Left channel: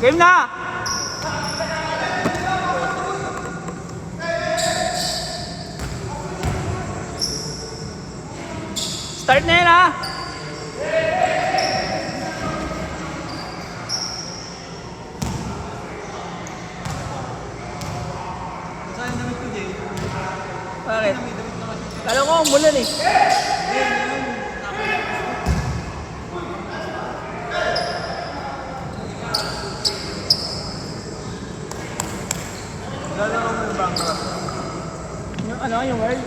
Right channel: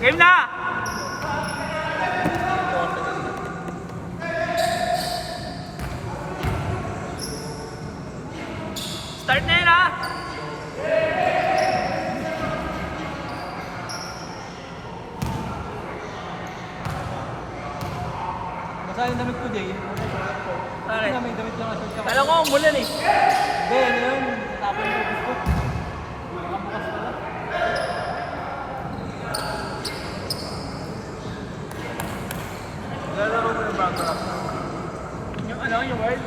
Game na! Start na yun ha! Masaya naman ko din. Bakit? Kala ko umulan eh. Ngayon yun, tapos yung gusto. Lalaro mo yung bankrupt na. Yung ano, yung world.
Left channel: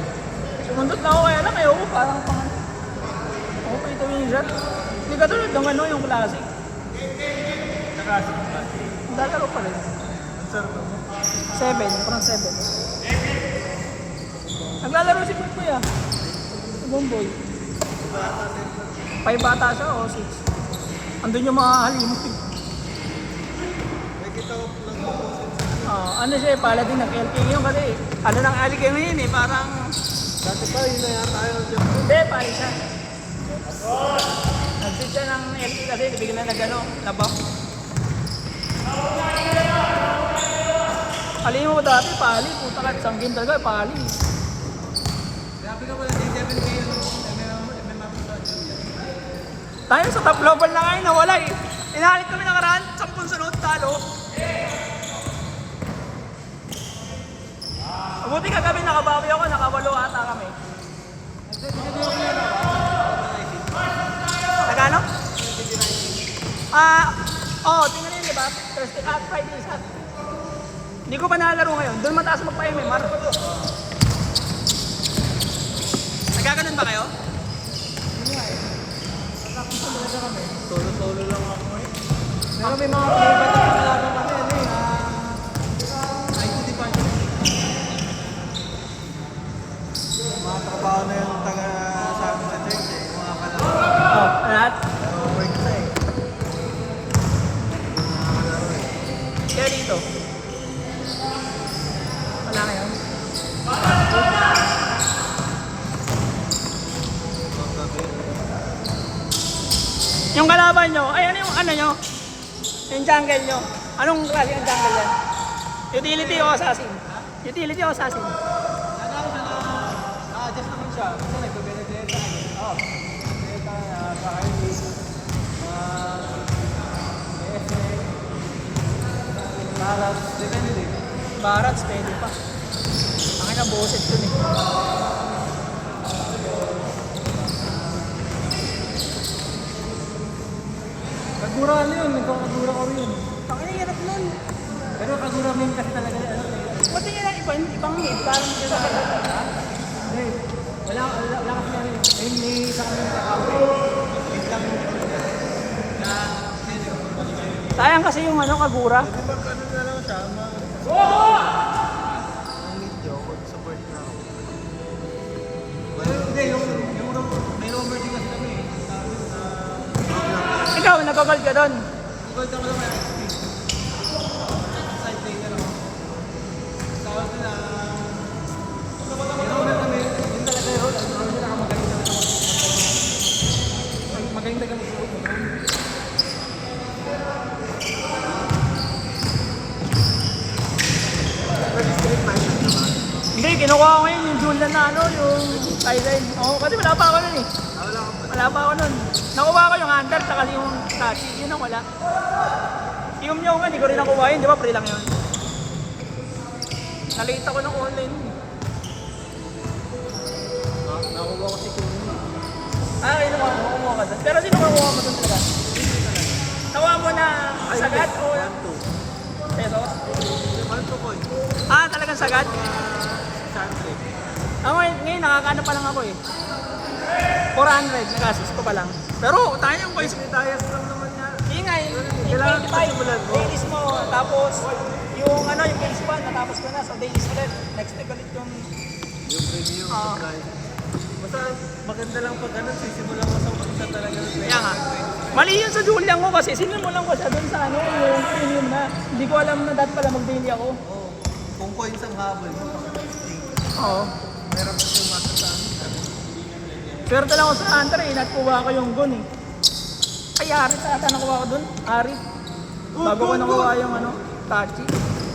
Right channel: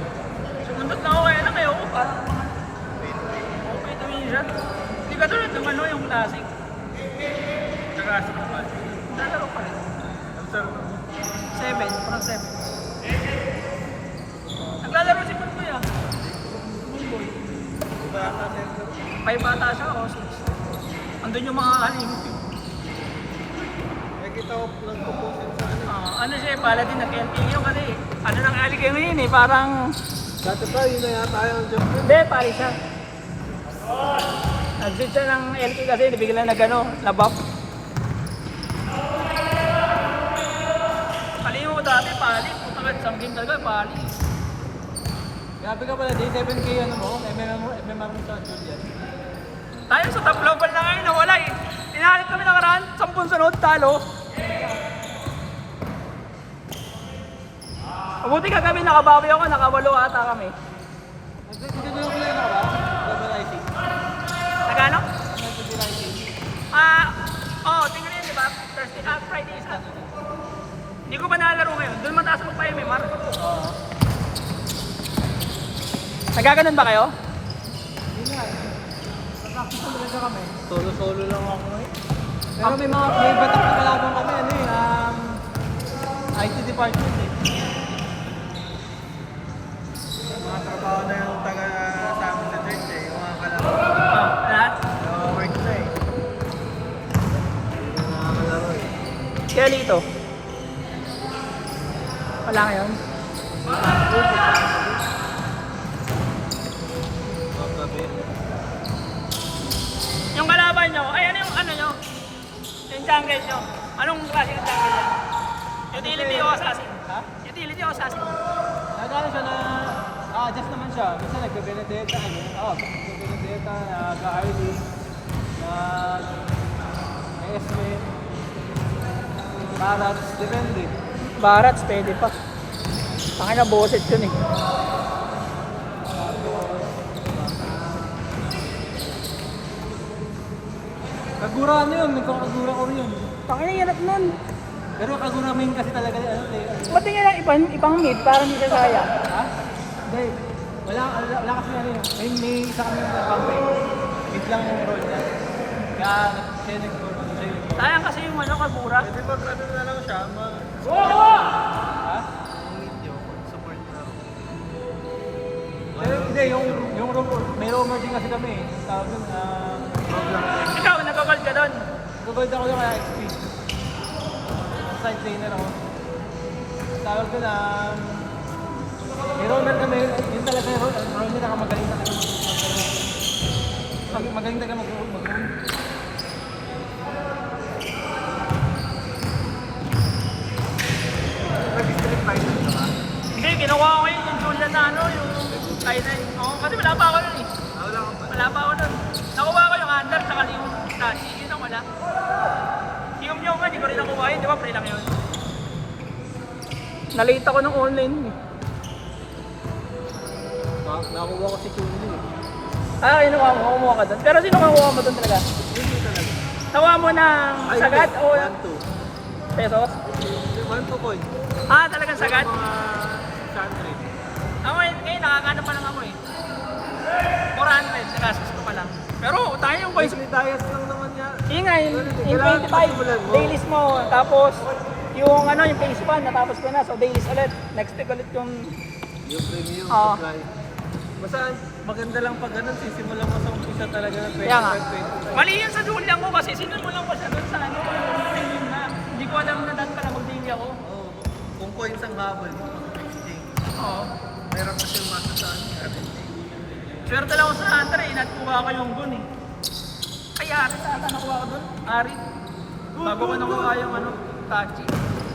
Sumundot na ako kaya lang kayo ko parang mga... Ako pa ito yung shot. Hindi ka tulad ng ano, yung classic. Kakasik naman. Lalaro pa rin. Ang sarap mo. 7, parang 7. Naglalaro si Kutoy ah. Sa Bomboy. Iba yata center. 5 bata siya o 6. Andun yung mga halimit eh. May kita ko nagpupusin sa ano. Ano siya eh, paladin ng LTE yun kasi ano ng ali kayo ngayon eh, parang... Dati pa yun na yata yung center. Hindi, pari siya. Nag-sit siya ng LTE kasi nabigyan na nag-ano, na-buff. Alin mo dati, pali. Punta ka isang game talaga, pali. Sabi ka pala, D7 ko yan mo. Ano lang mo, may makita. Tayo na sa top global na ngayon, nawala eh. Inahalit kami nakaraan, 10 sunod, talo. Mabuti ka kami, nakabawi ako, nakawalo ata kami. Nagano? Tingnan yun, di ba? Thursday at Friday is at. Hindi ko pa nalaro ngayon. Doon mataas magpa-MMR. Nagaganon ba kayo? Pero may mga favorite na kalaban kami, ano eh, IT department. Mga trabaho na yung taga sa amin sa church eh, yung mga kalaban. Lahat? Work na eh. Kaya dito. Wala ngayon. Yung kalaban nyo, ay ano yung ano nyo? Yung jungle nyo. Anong klase ng jungle yan? Utility o assassin? Utility o assassin? Nagano siya na, adjust naman siya. Kasi nagbe-benedetta. Oh, benedetta, ka-artist, ESA, balance, depende. Barats, pwede pa. Pakina na boses yun eh. Kagura ano yun, nagkakagura ko yun. Pakina yanap nun. Pero kagura mo yun kasi talaga ano eh. Ba't nga lang ibang mid para hindi ka kaya? Hindi, wala kasi ano eh. May isang kapag mid lang yung role niya. Kaya, Sayang kasi yung ano, kagura. pwede mag-ano na lang siya, support na role. Hindi, yung may roamer din kasi kami eh. Tawag yun sa... Ikaw, nagkakal ka doon. Gugold ako ng XP. Side trainer ako. Tawag ko lang... May roamer kami, yun talaga yung roamer ako magaling. Magaling talaga mag-roamer. Nag-street fighter ka ba? Hindi, kinukuha ko ngayon yung Jordan na ano, yung Skyline. Oo, kasi wala pa ako nun eh. Wala ka pa. Wala pa ako nun. Nakuha ko yung handle, saka yung statue. Yun ang wala. Yung nyo nga, hindi ko rin nakuha yun. Di ba, free lang yun? Nalate ako ng online eh. Kaya nakuha ka doon. Pero sino makuha mo doon talaga? Nakuha mo na sagad o peso? Talagang sagad? Mga 600. Ako ngayon nakakaano pa lang ako eh. 400 classes ko pa lang. Pero tayo yung coins. Yung nga, yung 25 dailies mo. Tapos yung ano, yung base pan, natapos ko na. So dailies ulit. Next week ulit yung... Oo. Basta maganda lang pag ano, sisimulan ko sa umpisa talaga. Kaya nga. Mali yun sa dual lang ko kasi sinimulan ko siya doon sa ano, yung premium na. Hindi ko alam na dati pala mag-daily ako. Oo. Kung coins ang habol mo, pag stay. Oo. Meron kasi yung masa sa ano. Swerte lang ako sa hunter eh, natkuha ko yung gun eh. Ay, Arit ata nakuha ko doon. Arit. Bago ko nakuha yung ano, tachi.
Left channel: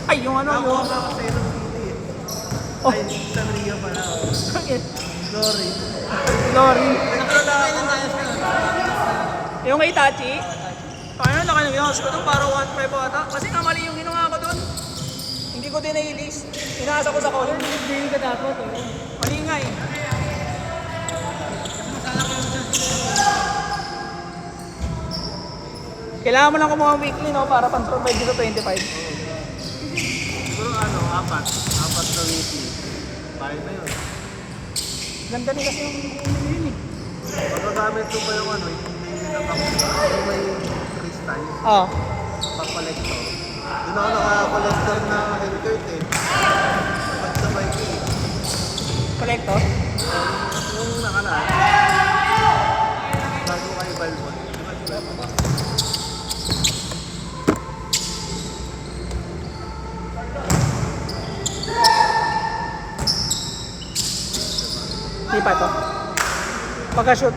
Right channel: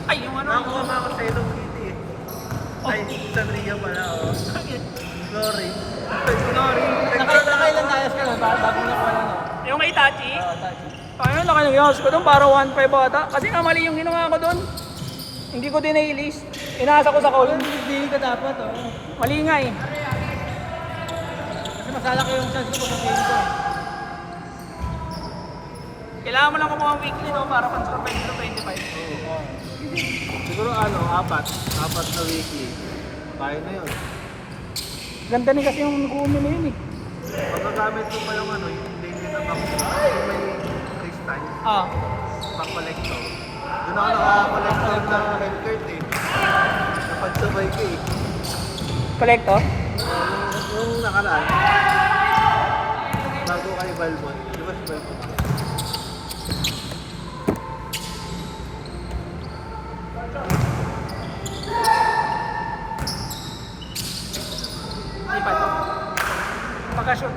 Ay, yung ano. Nakuha nga ako sa Hello Kitty eh. Oh. Ay, Sanria pala. Oh. Sorry. Sorry. Nagkala ako. Yung kay Tachi, ayun, laki ng ginawas ko doon, para 1.5 ata. Kasi nga mali yung ginawa ko doon. Hindi ko din na-release. Inaasa ko sa call. Hindi ka dapat, oh. Mali nga eh. Kasi masala ko yung chance ko. Kailangan mo lang kumuha weekly, no? Para pang-survive dito 25. Siguro ano, apat sa weekly. Kahit na yun. Ganda din kasi yung uno mo yun eh. Magagamit ko pa yung ano, yung daily na vaccine. Yung may crystal, Ah. pang-collector. Doon ako naka-collector na healthcare eh. Pag-survey ko eh. Collector? Yung nakalaan. Bago kay Valvo. Di pa to. Pagka-shoot.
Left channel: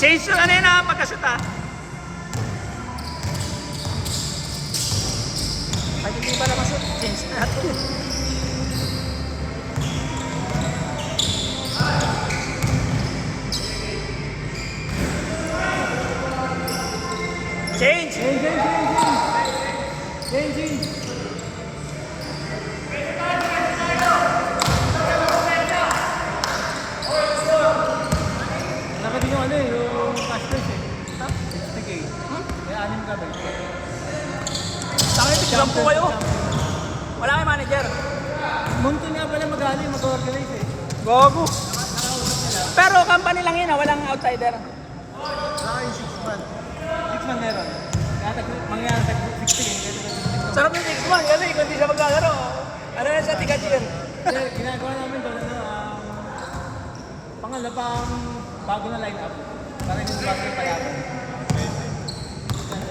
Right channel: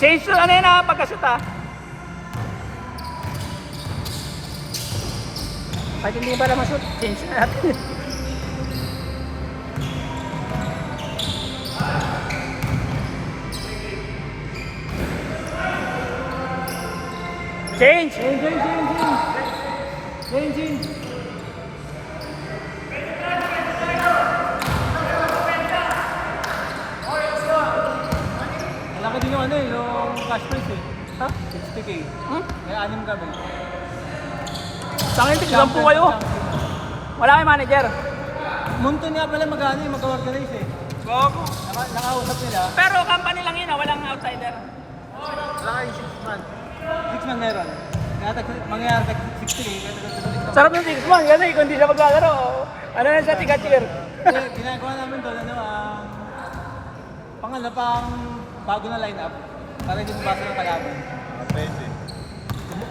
Change to ano yun ah, pagka-shoot ah. Pag hindi pa naman shoot, change natin. Change! Change. Wala ka din yung ano eh, yung cash prize eh. Ha? 60K. May 6 kami. Saka yung bigyan po kayo. Wala kayong manager. Munto nga pala mag-ano yung mag-organize eh. Gogo. Nakausap nila. Pero company lang yun ah, walang outsider. Wala kayong 6 months. 6 lang meron. Mangyayari tag 60K. Sarap ng 6 months kasi kung hindi siya maglalaro. Ano yan sa tiga-cheer? Kaya ginagawa namin doon, pang bago na line-up. Para hindi mabasa yung kalaban. Pwede.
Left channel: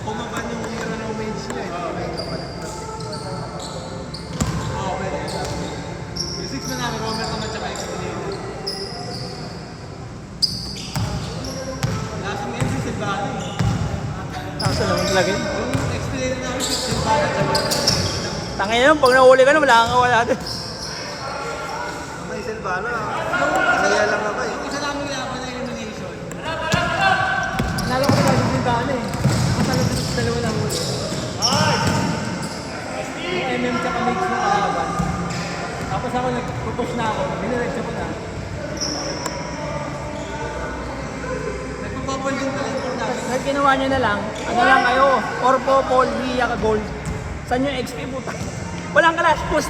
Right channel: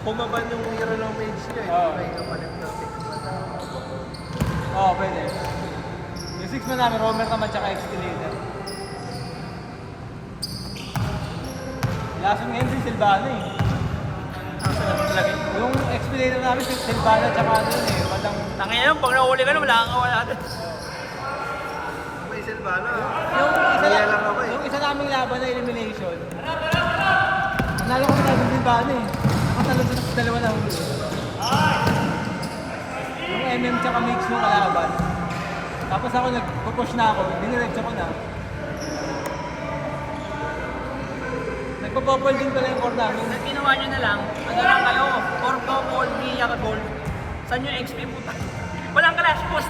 Pumaban yung hero ng mage niya. Hindi may kapalit ng 6 months. Oo, pwede. Yung 6 man namin, Romer naman tsaka Expedition. Last name si Silvano eh. Kaso lang yung lagay. Yung Expedition namin si Silvano tsaka ano eh. Walang Tangin yun, pag nahuli ka na, wala kang wala din. May Silvana. Kaya lang ako eh. yung isa namin laban na elimination. Nalala ko na yung Silvano eh. Ang talabas sa dalawa na huli. Yung MM tsaka Mix yung kalaban. Tapos ako nag-push na ako, binuredso ko na. Nagpapapol din pala yung core namin. At ginawa nyo na lang, kumulang kayo, Orco, Paul, Villa, Gold. Saan yung XP mo to? Walang clash, push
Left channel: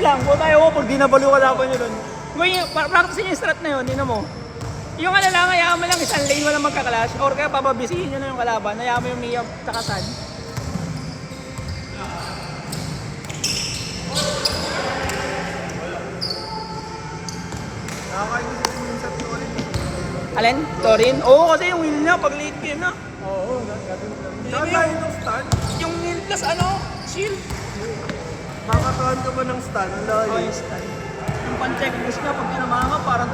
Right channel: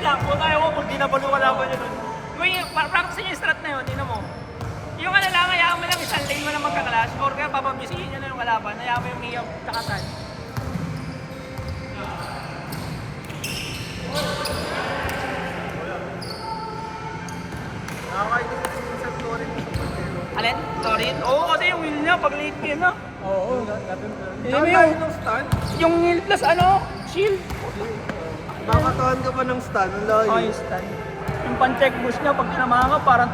lang. Kung tayo ko, kung di nabalo ka laban nyo doon. Kung yung, practice nyo yung strat na yun, tingnan mo. Yung ano lang, hayaan mo lang isang lane mo lang magka-clash, or kaya papabisihin nyo na yung kalaban, hayaan mo yung Mia tsaka San. Nakakainis kasi minsan Florin na sa pagkero. Alin? Torin? Oo, kasi yung wheel niya, pag late game na. Hindi mo yung plus ano, shield. Nakakakuhan ka ba ng stand? Oh, yung stun. Yung pan-check boost niya, pag tinamahan ka, parang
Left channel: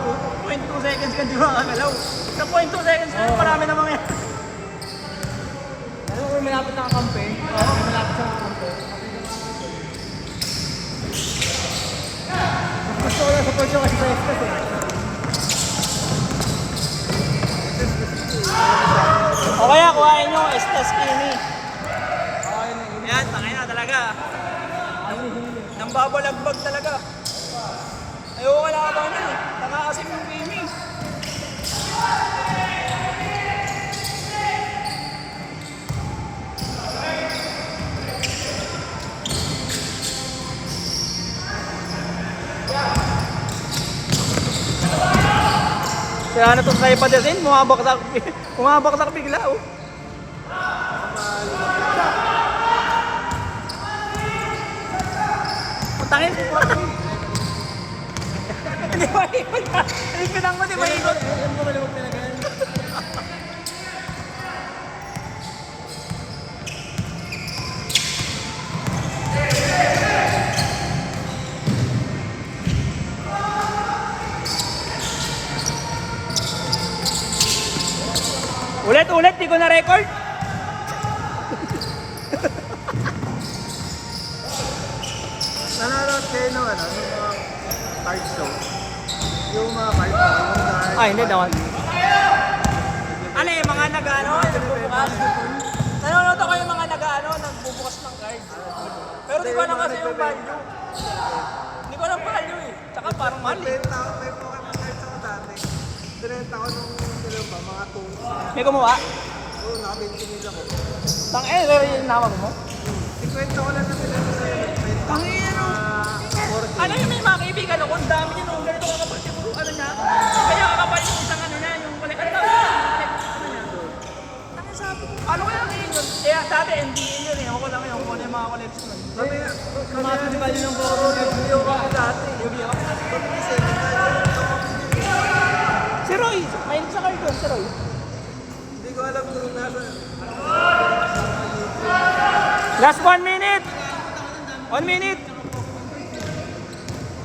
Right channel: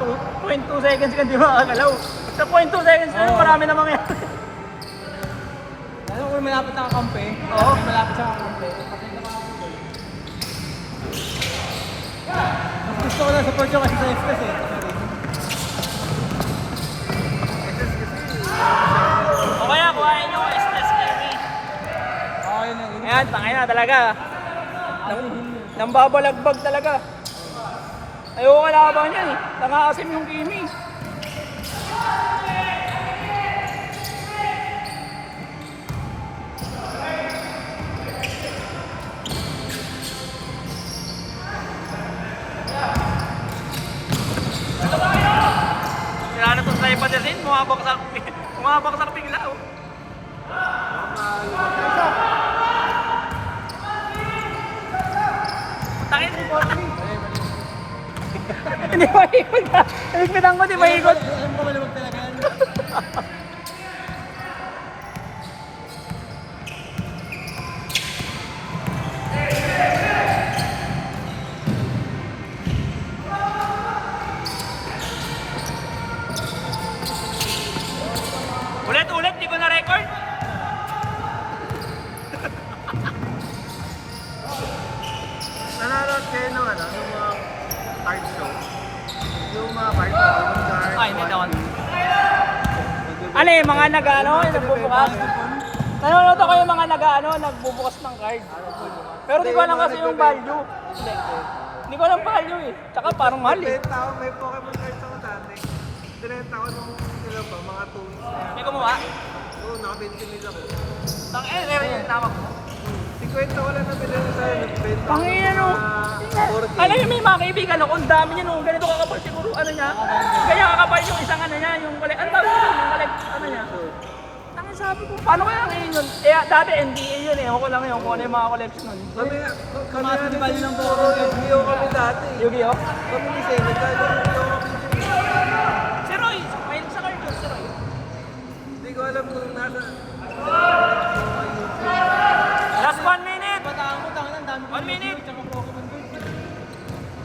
0.2 seconds ka di makakalaw. Sa 0.2 seconds na yun, marami na mga yan. Ano kung malapit na kakampi? Oo, malapit sa kakampi. Gusto ko lang sa pwede kasi stress kasi. Excess kasi O kaya, kuhain nyo, Estas Kimi. Ayan, tangin na talaga. Nambabalagbag talaga. Ayoko kalaban yan eh. Nakakasim yung Kimi. Kaya na itong tripod din, bumabaktak bigla oh. Tangin mo. Hindi ba ikot ka? Nagpitan ko, di ba ikot? Alam ko malimag talaga yan. Ulit, di ko na record. kayo nung ano, nung mga card show. Yung mga card, Pokemon card. Ah, hindi daw. Ano yung mga nag-ano, nagbubukas? Nanonood ako yung mga nag-ano, nagbubukas ng cards. Pero di ko alam kasi yung value. Hindi ko alam value eh. Tsaka parang mahal eh. Binenta ako, may Pokemon cards ako dati. Binenta ko nung, sila ba, mga tools na yan. May kumuha? Oo, naka-20 mil ako. Tang pero yung nawag mo? 50 ko lang nabili sa nagbenta. Tang ano? Ano yung may mga kaibigan ako, ang dami niya nung ganito kakapal siguro ano niya. Kaya kakapal yung isang ano niya, yung collect, ano tawag yung collect, ano niya. Ano sabi ko, paano kaya ngayon yun? Eh, dati NDA yun eh, ako lang yun, kung ano yung mga collection mo. Kumasa di ba yun ang Pokemon Card mo yung bakit dati? Yu-Gi-Oh! Kasi, magkano yung Pokemon yun? Si Roy, mahilig sa card ko, si Roy. Hindi ko alam kung nasa sa mga YouTube. Last 1 minute! Pataan mo, tangan ang dami. 1 minute!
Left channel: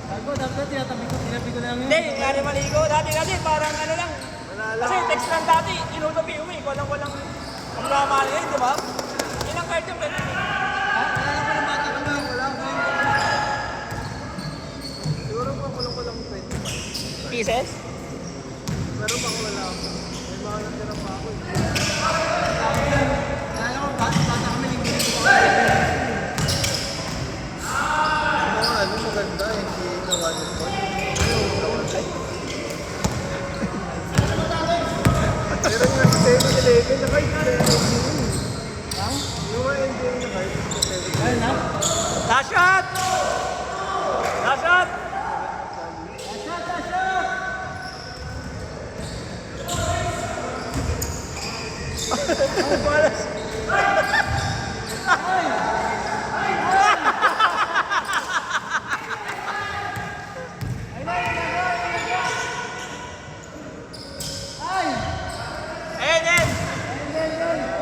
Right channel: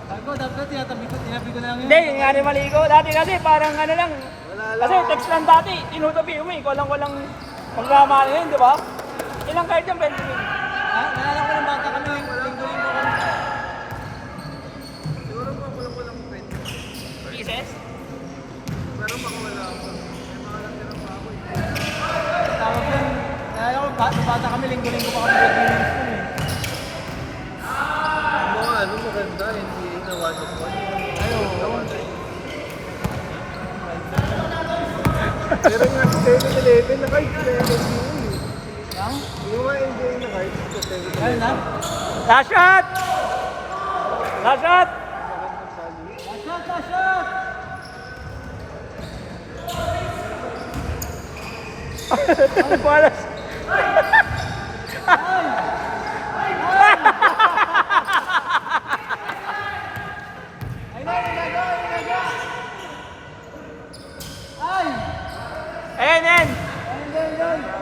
Ako, dapat tinabi ko namin. Hindi, nga maligo. Dati kasi parang ano lang. Kasi text lang dati, inutobi uwi. Walang magkamali yun, di ba? Ilang card yung pwede yun? Wala ko. Siguro pa kulang 25. Pieces? Pero baka wala ako. May mga natira pa ako eh. Ayaw, bata kami linggo ko pa Yung mga ano maganda, hindi na one of one. Yung mga ano, pero yung 7-11 na kayo na yung mga NBA na kayo. Ayun na. Last shot! Last shot! Walas.